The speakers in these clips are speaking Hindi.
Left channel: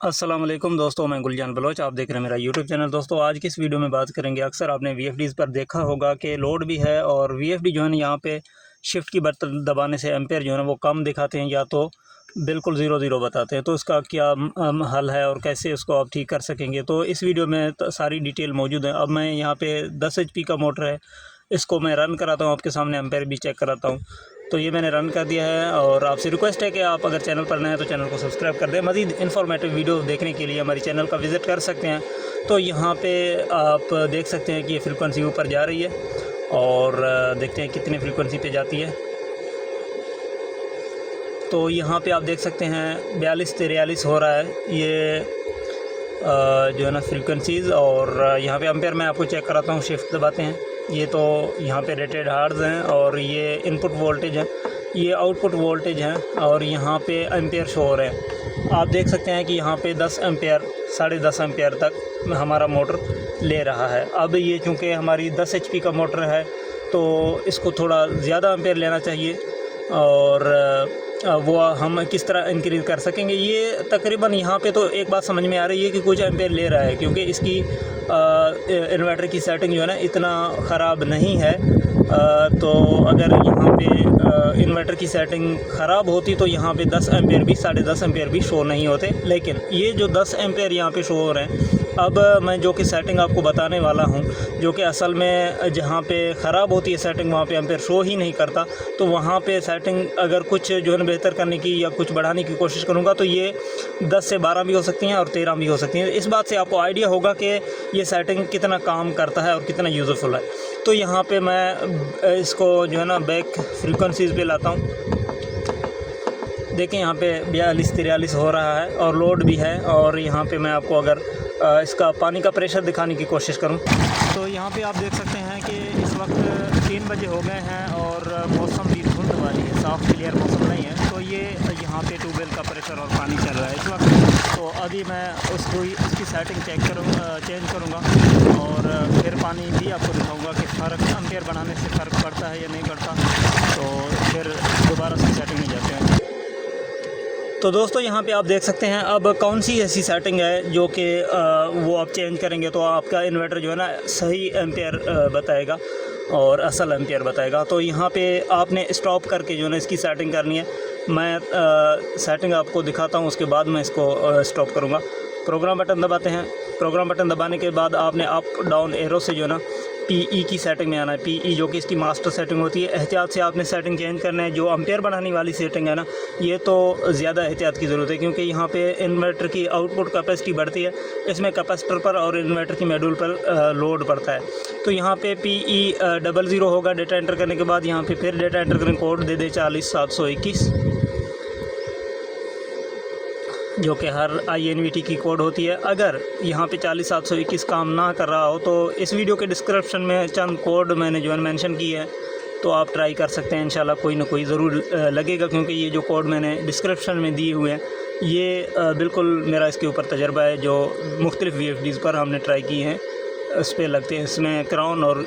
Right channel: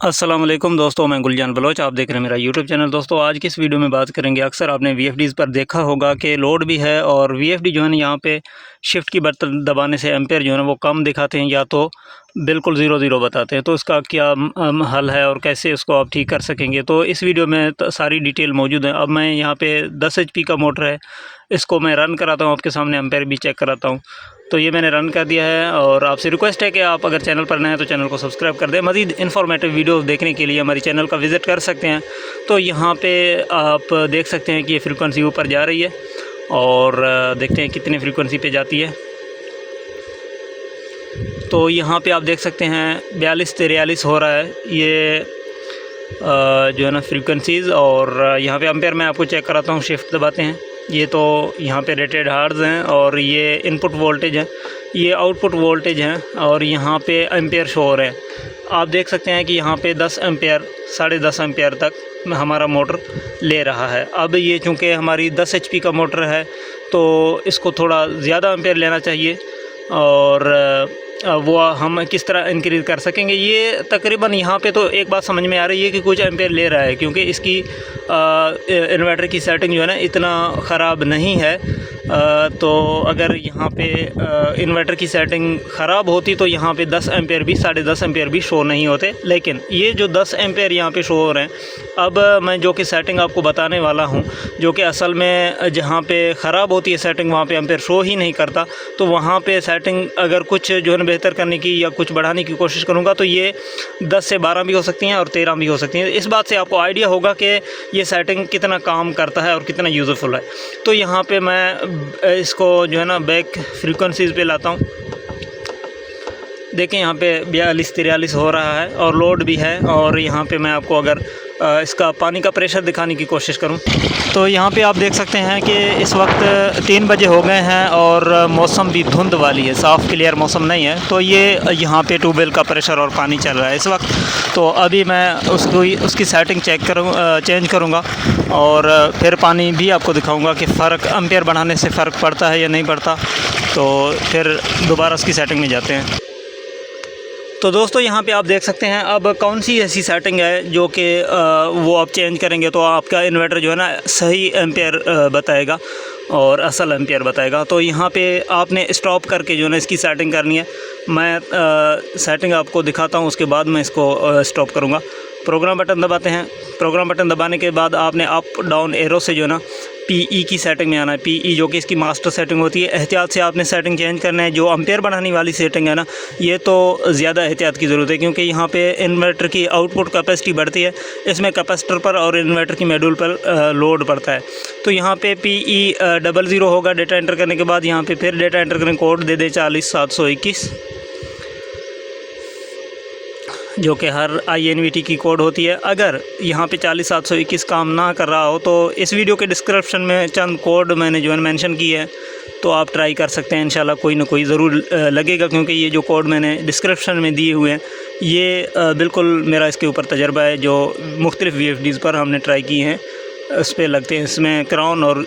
अस्सलाम वालेकुम दोस्तों, मैं गुलजान बलोच। आप देख रहे हैं मेरा यूट्यूब चैनल। दोस्तों आज की इस वीडियो में बात करेंगे, अक्सर आपने वीएफडीज़ पर देखा होगा कि लोड भी है और वीएफडी जो है ना यहाँ पे शिफ्ट की बटन दबाने से एम्पेयर जो है ना वो कम दिखाते हैं या तो बिल्कुल ज़ीरो ज़ीरो बताते हैं। तो इसका क्या हल है और कैसे इसको आप ठीक कर सकेंगे, तो इस वीडियो में सारी डिटेल मौजूद है। अब मैं यहाँ पर 10 HP का मोटर है, इसको मैं रन कराता हूँ, आपके सामने एम्पेयर भी चेक कराता हूँ। तो ये मैंने रन कर दिया है और आपसे रिक्वेस्ट है कि आप अगर चैनल पर नए हैं तो चैनल को सब्सक्राइब कर दें। मज़ीद इन्फॉर्मेटिव वीडियो देखने के लिए हमारी चैनल का विज़िट कर सकते हैं। तो यहाँ पे आप देख सकते हैं कि ये फ्रीक्वेंसी ऊपर जा रही है और देखते हैं कितनी फ्रीक्वेंसी पे जाती है। तो यहाँ पे आप देख सकते हैं 42-43 हो रहा है ये जो है ना फ्रीक्वेंसीज़। और यहाँ पे एम्पेयर मैं आपको चेक कराता हूँ, शिफ्ट दबाते हैं। ये तो यहाँ पे रेटेड हार्ट्ज़ हैं और ये इनपुट वोल्टेज है, ये आउटपुट वोल्टेज हैं और यहाँ पे एम्पेयर शो हो रहे हैं। आप देख सकते हैं कि यहाँ पे 10 एम्पेयर 10.5 एम्पेयर तक हमारा मोटर ले रहा है। अब ये चूँकि हमारी 10 HP का मोटर है तो इसको थोड़ा ज़्यादा एम्पेयर लेना चाहिए और वो हम किस तरह इंक्रीज़ कर सकेंगे। ये तकरीबन यहाँ पे तो एक बात समझ में आ रही है कि कुछ एम्पेयर ले रहा है, क्योंकि इसकी इन्वर्टर की सेटिंग जो है ना इतना ख़राब नहीं है। तो अगर यहाँ पे इन्वर्टर की सेटिंग ख़राब होती तो यहाँ पे 10 एम्पेयर भी 10.5 एम्पेयर भी शो नहीं होते। लेकिन ये जो 10 एम्पेयर यहाँ पे शो हो रहे हैं, अब मैं जो कि सेटिंग आपको बताने वाला हूँ, जो कि असल में जहाँ पे ख़राब होती है सेटिंग वहाँ पे एम्पेयर शो ही नहीं करता। तो वहाँ पे सेटिंग अगर कुछ जो है ना बेहतर करने की या कुछ बढ़ाने की कोशिश करूँगा तो ये 10 से 12 भी हो सकती हैं और 13 भी हो सकती हैं। इस बात से आपको आइडिया होगा कि ये सेटिंग कितना काम करता है और कितना यूज़फुल है। तो यहाँ पे मैं इसको जो है ना बैक फ्रीक्वेंसीज़ पे लाता हूँ। देखें यहाँ पे 42-43 हो रहा है और लोड भी है। और यहाँ पे मैं आपको अगर इसका पानी का प्रेशर दिखाने की कोशिश करूं तो यहाँ पे आप देख सकते हैं कि इस वक्त 3 बजे हो गए हैं और मौसम भी धुंध वाली है, साफ़ क्लियर मौसम नहीं है। तो ये यहाँ पे ट्यूबवेल का प्रेशर और पानी चल रहा है इस वक्त। तो अभी मैं उसकी सेटिंग चेंज करूँगा और फिर पानी भी आपको दिखाऊँगा कि फ़र्क एम्पेयर बढ़ाने से फ़र्क पड़ता है या नहीं पड़ता। तो फिर दोबारा उसकी सेटिंग में जाते हैं। तो दोस्तों यहाँ पे आप देख सकते हैं अब कौन सी ऐसी सेटिंग है जो कि वो आप चेंज करेंगे तो आपका इन्वर्टर जो है ना सही एम्पेयर बताएगा और असल एम्पेयर बताएगा। तो यहाँ पे आपने स्टॉप करके जो है ना इसकी सेटिंग करनी है। मैं सेटिंग आपको दिखाता हूँ, उसके बाद मैं इसको स्टॉप करूँगा। प्रोग्राम बटन दबाते हैं। प्रोग्राम बटन दबाने के बाद आपने अप डाउन एरो से जो है ना PE की सेटिंग में आना है। PE जो कि इसकी मास्टर सेटिंग होती है। एहतियात से आपने सेटिंग चेंज करना है। जो एम्पेयर बढ़ाने वाली सेटिंग है ना, ये तो ज़्यादा एहतियात की ज़रूरत है, क्योंकि यहाँ पे इन्वर्टर की आउटपुट कैपेसिटी बढ़ती है, इसमें कैपेसिटर पर और इन्वर्टर की मॉड्यूल पर लोड पड़ता है। तो यहाँ पे PE 00 होगा। डेटा एंटर करने के बाद यहाँ पे फिर डेटा एंटर करें, कोड दे दे 40721, जो कि हर INVT की कोड होती है। अगर यहाँ पे 40721 काम ना कर रहा हो तो इस वीडियो के डिस्क्रिप्शन में चंद कोड मैंने जो है मेंशन किए हैं, तो आप ट्राई कर सकते हैं। इंशाल्लाह कोई ना कोई ज़रूर लगेगा, क्योंकि ये जो कोड मैंने डिस्क्रिप्शन में दिए हुए हैं ये बिल्कुल मेरा इसके ऊपर तजर्बा है। जो मुख्तलिफ़ VFDs पर हमने ट्राई किए हैं उस पर लगते हैं। इसमें क्राउन और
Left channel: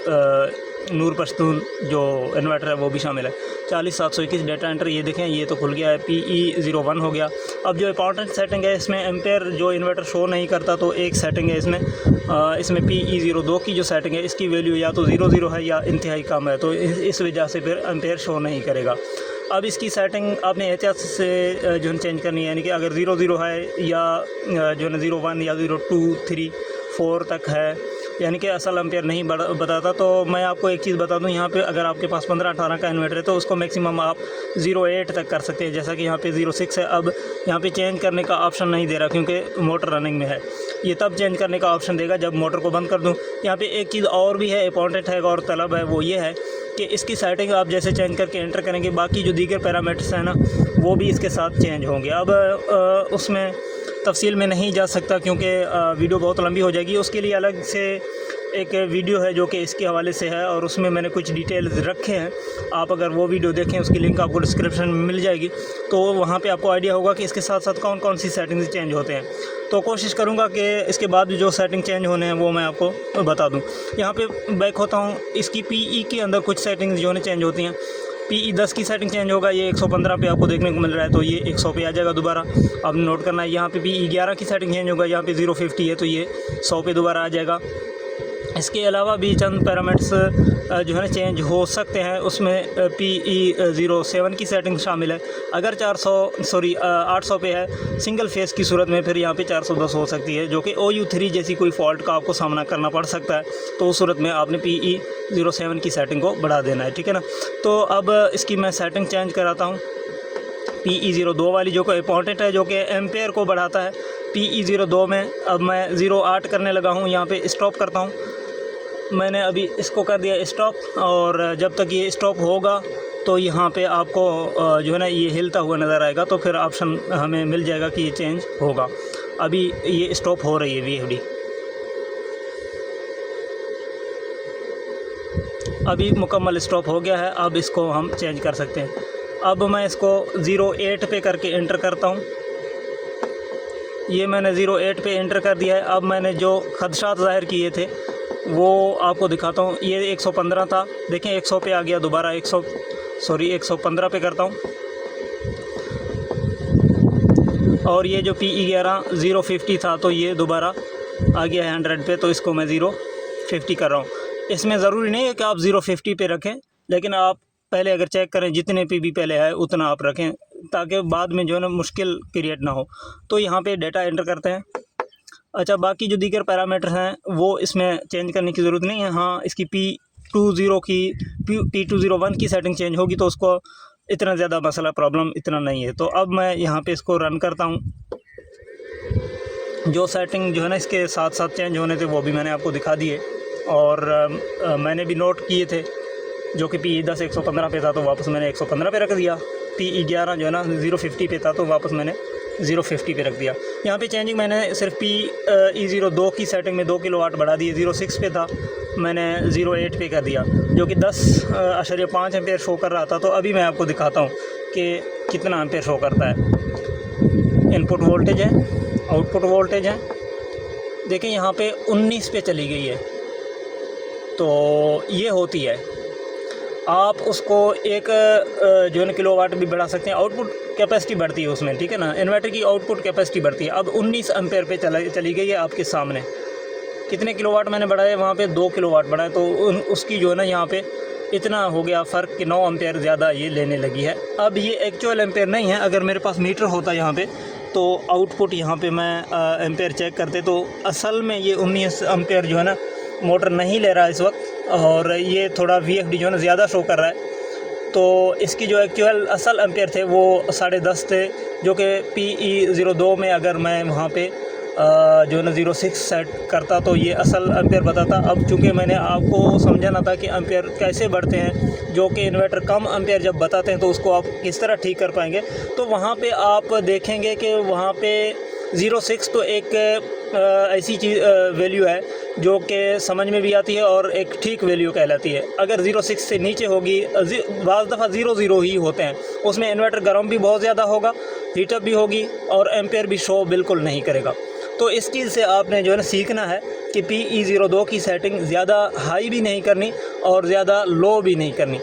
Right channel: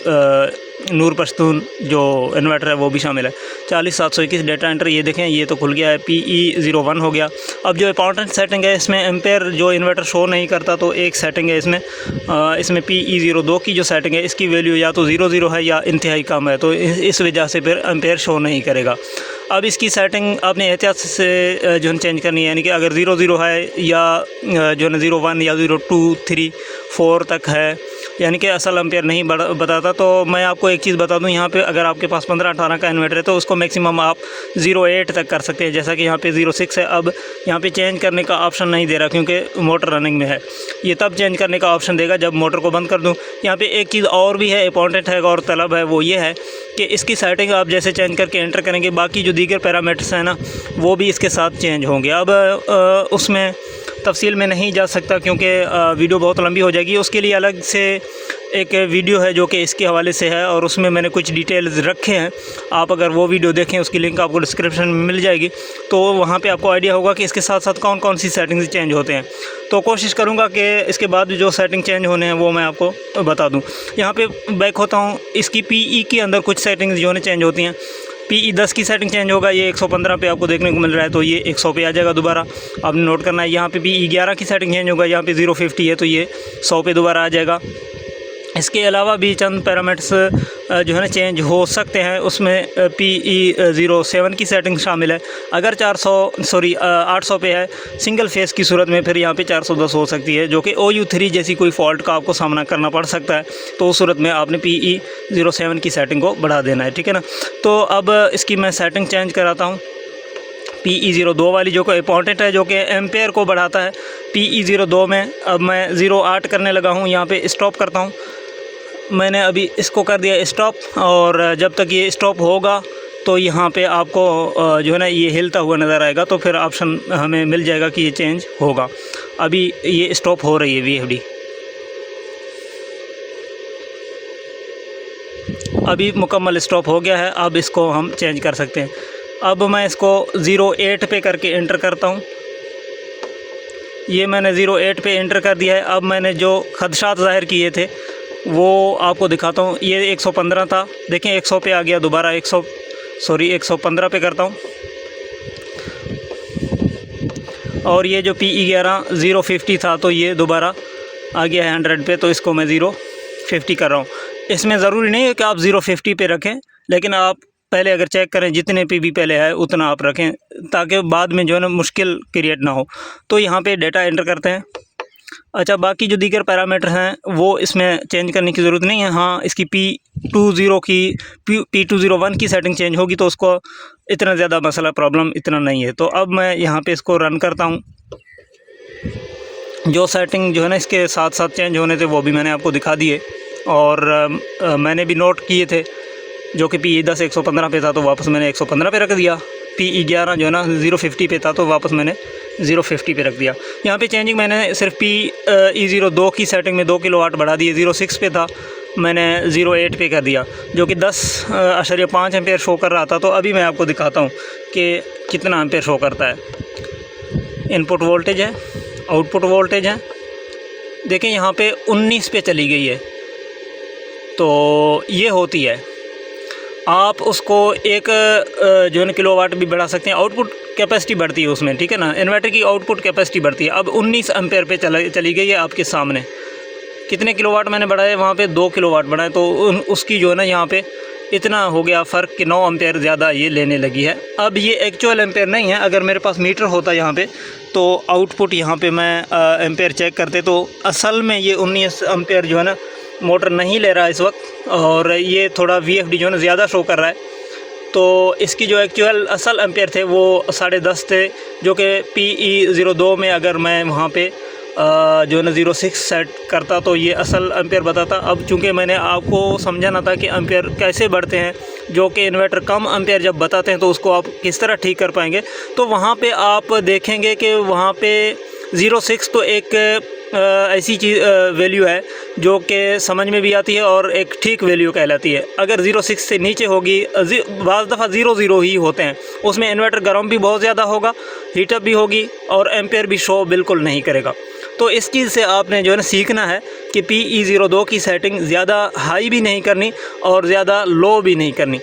नूर पश्तून जो इन्वर्टर है वो भी शामिल है। 40721 डेटा एंटर, ये देखें ये तो खुल गया है। PE 01 हो गया। अब जो इंपॉर्टेंट सेटिंग है इसमें एम्पेयर जो इन्वर्टर शो नहीं करता, तो एक सेटिंग है इसमें PE 02 की जो सेटिंग है इसकी वैल्यू या तो 00 है या इंतहाई कम है, तो इस वजह से फिर एम्पेयर शो नहीं करेगा। अब इसकी सेटिंग आपने एहतियात से जो है चेंज करनी है, यानी कि अगर 00 है या जो है ना 01 या 02, 3, 4 तक है, यानी कि असल एम्पेयर नहीं बताता। तो मैं आपको एक चीज़ बता दूं, यहाँ पे अगर आपके पास 15-18 का इन्वर्टर है तो उसको मैक्सिमम आप 08 तक कर सकते हैं, जैसा कि यहाँ पे 06 है। अब यहाँ पे चेंज करने का ऑप्शन नहीं दे रहा क्योंकि मोटर रनिंग में है। ये तब चेंज करने का ऑप्शन देगा जब मोटर को बंद कर दूँ। यहाँ पर एक चीज़ और भी है, इंपॉर्टेंट है और तलब है, वो ये है कि इसकी सेटिंग आप जैसे चेंज करके एंटर करेंगे, बाकी जो दीगर पैरामीटर्स हैं ना वो भी इसके साथ चेंज होंगे। अब उसमें तफसील में नहीं जा सकता क्योंकि वीडियो बहुत लंबी हो जाएगी। उसके लिए अलग से एक वीडियो है जो कि इसके हवाले से है और उसमें मैंने कुछ डिटेल्स रखे हैं। आप अगर वो वीडियो देखें, उसकी लिंक आपको डिस्क्रिप्शन में मिल जाएगी, तो वहाँ पे आपको आइडिया होगा कि इसके साथ साथ कौन कौन सी सेटिंग्स चेंज होते हैं। तो कोशिश करूँगा कि इसके बाद जो सेटिंग चेंज होने हैं वो मैं आपको बता दूँ। यहाँ पे बैक होता हूँ। इसकी PE के अंदर कुछ सेटिंग्स जो है चेंज होती हैं। PE 10 की सेटिंग चेंज होगा, ये 115 पे आपको देखने को मिल रहा है, तो ये 100 पे आ जाएगा दोबारा। आपने नोट करना है। यहाँ पे PE 11 की सेटिंग चेंज होगा, यहाँ पे 050 है तो ये 100 पे दोबारा आ जाएगा। इसके अलावा भी चंद पैरामीटर्स जो है ना चेंज हो सकते हैं। उसमें PE 07 की सेटिंग शामिल है। अगर 800 पे है सिंगल फेस की सूरत में, फिर यहाँ पे 410 हो सकती है, जो कि OU3 जैसी कोई फॉल्ट का आपको सामना करना पड़ सकता है। तो उस सूरत में आपने PE 07 की सेटिंग को बढ़ा देना है, ठीक है ना। तो अब इसकी मैं सेटिंग चेंज कराता हूँ। PE 02 वाली जो कि इंपॉर्टेंट है, जो कि एम्पेयर को बढ़ाता है। PE 02 में अब मैं 0.8 करने लगा हूँ। यहाँ पे स्टॉप करता हूँ। मैंने अभी इसको कर दिया स्टॉप, और जब तक ये स्टॉप होगा तो यहाँ पे आपको जो है ना ये हिलता हुआ नज़र आएगा, तो फिर ऑप्शन हमें मिल जाएगा कि ये चेंज होगा। अभी ये स्टॉप हो रही है VFD। अभी मुकम्मल स्टॉप हो गया है। अब इसको हम चेंज कर सकते हैं। अब मैं इसको 08 पे करके एंटर करता हूँ। ये मैंने 08 पे एंटर कर दिया है। अब मैंने जो खदशात ज़ाहिर किए थे वो आपको दिखाता हूँ। ये 115 था, देखें 100 पे आ गया दोबारा। 115 पे करता हूँ। और ये जो PE 11 050 था, तो ये दोबारा आ गया है 100 पे, तो इसको मैं 050 कर रहा हूँ। इसमें ज़रूरी नहीं है कि आप 050 पे रखें, लेकिन आप पहले अगर चेक करें जितने पे भी पहले है उतना आप रखें, ताकि बाद में जो है ना मुश्किल क्रिएट ना हो। तो यहाँ पे डेटा एंटर करते हैं। अच्छा, बाकी जो दीगर पैरामीटर हैं वो इसमें चेंज करने की ज़रूरत नहीं है। हाँ, इसकी P201 की सेटिंग चेंज होगी तो उसको इतना ज़्यादा मसला प्रॉब्लम इतना नहीं है। तो अब मैं यहाँ पे इसको रन करता हूँ। जो सेटिंग जो है ना इसके साथ साथ चेंज होने थे वो भी मैंने आपको दिखा दिए, और मैंने भी नोट किए थे। जो कि PE 10 115 पे था तो वापस मैंने 115 पे रख दिया। PE 11 जो है ना 050 पे था तो वापस मैंने 050 पे रख दिया। यहाँ पे चेंजिंग मैंने सिर्फ PE 02 की सेटिंग में 2 किलोवाट बढ़ा दिए। 06 पे था, मैंने 08 पे कर दिया, जो कि 10.5 एम्पेयर शो कर रहा था। तो अभी मैं आपको दिखाता हूँ कि कितना एम्पेयर शो करता है। इनपुट वोल्टेज है, आउटपुट वोल्टेज है, देखें यहाँ पे 19 पे चली गई है। तो ये होती है, आप उसको एक जो है ना किलोवाट भी बढ़ा सकते हैं। आउटपुट कैपेसिटी बढ़ती है उसमें, ठीक है ना। इन्वर्टर की आउटपुट कैपेसिटी बढ़ती है। अब 19 एम्पेयर पे चली गई है आपके सामने। कितने किलोवाट मैंने बढ़ाए, वहाँ पे 2 किलोवाट बढ़ाए, तो उसकी जो है ना यहाँ पे इतना हो गया फ़र्क कि 9 एम्पेयर ज़्यादा ये लेने लगी है। अब ये एक्चुअल एम्पेयर नहीं है। अगर मेरे पास मीटर होता यहाँ पे तो आउटपुट यहाँ पे मैं एम्पेयर चेक करते, तो असल में ये 19 एम्पेयर जो है ना मोटर नहीं ले रहा है इस वक्त, और ये थोड़ा VFD जो है ना ज़्यादा शो कर रहा है। तो इसकी जो एक्चुअल असल एम्पेयर थे वो 10.5 थे, जो कि PE 02 में अगर मैं वहाँ पे जो है ना 06 सेट करता तो ये असल एम्पेयर बताता। अब चूँकि मैंने आपको समझाना था कि एम्पेयर कैसे बढ़ते हैं, जो कि इन्वर्टर कम एम्पेयर जब बताते हैं तो उसको आप किस तरह ठीक कर पाएंगे। तो वहाँ पे आप देखेंगे कि वहाँ पे 06 तो एक ऐसी चीज़ वैल्यू है जो कि समझ में भी आती है और एक ठीक वैल्यू कहलाती है। अगर 06 से नीचे होगी, बाज़ दफ़ा 00 ही होते हैं, उसमें इन्वर्टर गर्म भी बहुत ज़्यादा होगा, हीटअप भी होगी और एम्पेयर भी शो बिल्कुल नहीं करेगा। तो इस चीज़ से आपने जो है ना सीखना है कि PE 02 की सेटिंग ज़्यादा हाई भी नहीं करनी और ज़्यादा लो भी नहीं करनी।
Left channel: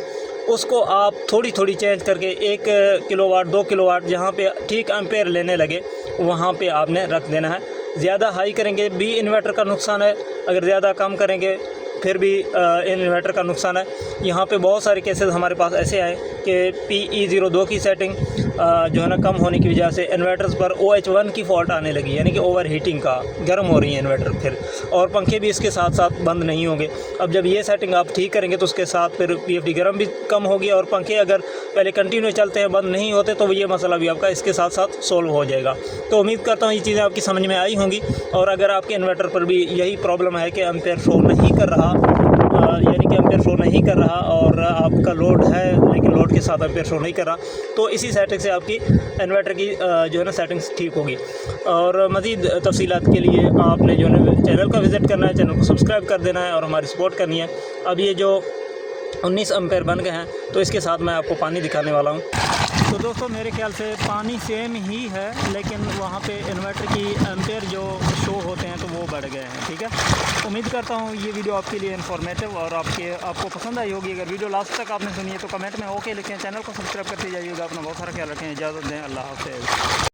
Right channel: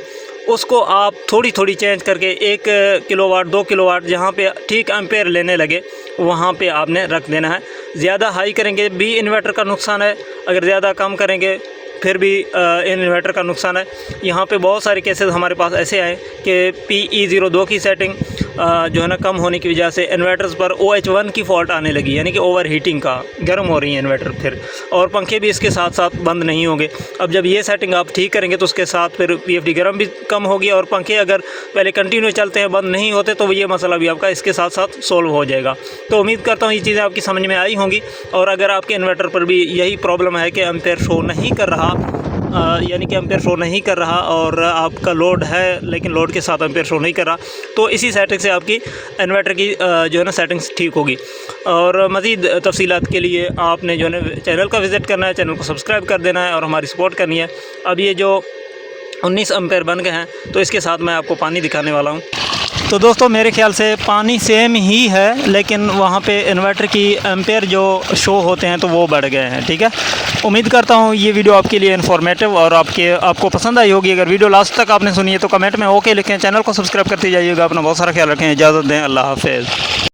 उसको आप थोड़ी थोड़ी चेंज करके 1 किलोवाट 2 किलोवाट जहाँ पे ठीक एम्पेयर लेने लगे वहाँ पे आपने रख देना है। ज़्यादा हाई करेंगे भी इन्वर्टर का नुकसान है, अगर ज़्यादा कम करेंगे फिर भी इन्वर्टर का नुकसान है। यहाँ पे बहुत सारे केसेस हमारे पास ऐसे आए कि PE 02 की सेटिंग जो है ना कम होने की वजह से इन्वर्टर्स पर OH1 की फ़ॉल्ट आने लगी, यानी कि ओवर हीटिंग का, गर्म हो रही है इन्वर्टर फिर, और पंखे भी इसके साथ साथ बंद नहीं होंगे। अब जब ये सेटिंग आप ठीक करेंगे तो उसके साथ फिर VFD गर्म भी कम होगी, और पंखे अगर पहले कंटिन्यू चलते हैं बंद नहीं होते तो ये मसला भी आपका इसके साथ साथ सोल्व हो जाएगा। तो उम्मीद करता हूँ ये चीज़ें आपकी समझ में आई होंगी। और अगर आपके इन्वर्टर पर भी यही प्रॉब्लम है कि एम्पेयर शो नहीं कर रहा, यानी कि एम्पेयर शो नहीं कर रहा और आपका लोड है लेकिन लोड के साथ एम्पेयर शो नहीं कर रहा, तो इसी सेटिंग से आपकी इन्वर्टर की जो है ना सेटिंग्स ठीक होगी। और मज़ीद तफसीलात के लिए आपने जो है ना चैनल का विज़िट करना है, चैनल को सब्सक्राइब कर देना है और हमारी सपोर्ट करनी है। अब ये जो 19 एम्पेयर बन गए हैं तो इसके साथ मैं आपको पानी दिखाने वाला हूँ। तो दोस्तों मेरे ख्याल से पानी सेम ही है, लेकिन वहाँ पे इन्वर्टर की एम्पेयर जो शो होते हैं तो वो बढ़ गए हैं। ठीक है, उम्मीद करता हूँ ये वीडियो आपके लिए इन्फॉर्मेटिव और आपको पसंद आई होगी। अगर वीडियो लास्ट तक आपने सुनी है तो कमेंट में ओके लिखें, चैनल को सब्सक्राइब करते जाइएगा। अपना बहुत सारा ख्याल रखें, इजाज़त दें, अल्लाह हाफ़िज़।